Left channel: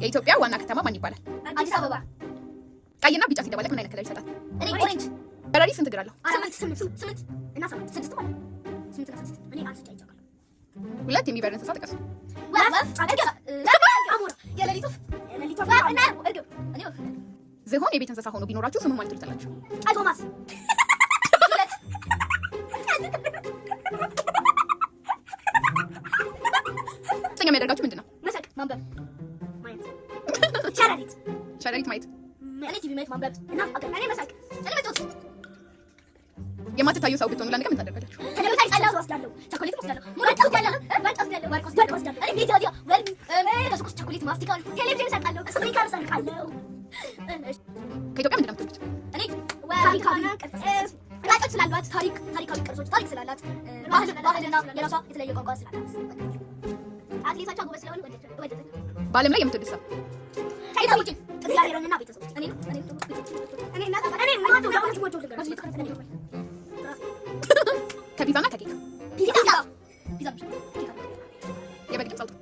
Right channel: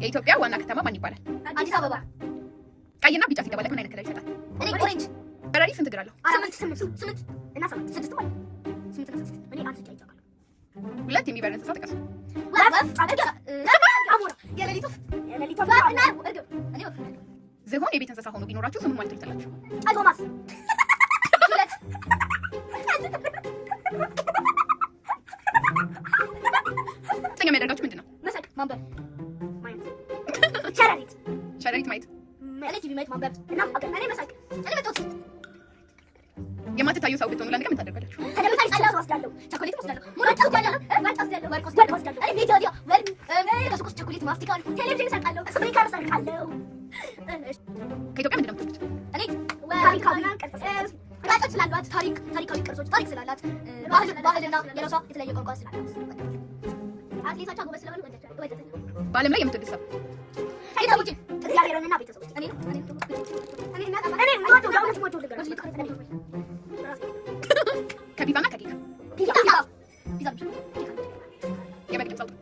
የኢትዮጵያ ዋና ከተማ ማን ይባላል? አዲስ አበባ። ቀይና ቢጫ ሲደባለቅ ምን አይነት ከለር ይሰጣል? እኔ ኦሬንጅ። በራሪ ስንት እግር አለው? 8 እና 6 ማለት 8 እና 6 እኔ አንተ ጫይጫለሁ። ሁለት የሚበር እንስሳ ጥቀስ። ወፍ፣ አሞራ፣ የሌሊት ወፍ እና እርግብ። እኔ ወፍ። ዝሆን የቤት እንስሳ ሆኖ ቢኖራችሁ ስሙን ማለት ትችላላችሁ? ቶማስ። ሁለት ጥኛ የሚያደርጋችሁ ምንድን ነው? መሳቅ፣ ማንበብ፣ ማየት። ሸረሪት ማየት። እኔ ቲቪ ማየት፣ ማንበብ እና እኔ መሳቅ። እኔ መጫወት። የማትታዩ ሰው ብትሆኑ ለአንድ ቀን ምን ታደርጋላችሁ? እኔ ጠላ ወስዳለሁ፣ ቸኮሌት ወስዳለሁ፣ ወርቅ ወስዳለሁ። እኔ ቤት ወዲያ ከሱቅ ውስጥ ቸኮሌት፣ ማስቲካ፣ ቴሌቪዥን እሰርቃለሁ፣ ስፒከር እሰርቃለሁ። ከኢትዮጵያ ምንድን ነው የምትወዱት? እኔ ታሪካዊ ቅርጾች ስላሏት፣ ታሪካዊ ቅርጾች፣ ታሪክ ስላላት፣ ባህልና የራሷ የተለያየ ቋንቋ ስላላት፣ አትሌቶቿ ጎበዝ ስለሆኑ ወደድኩ። በዓለም ላይ የምትወዱት ሰው? ቤተሰቦቼ፣ እግዚአብሔርንና ቤተሰቦቼ። ከፒዛና ከኬክ? ፒዛ የበግ ድምፅ አውጡ።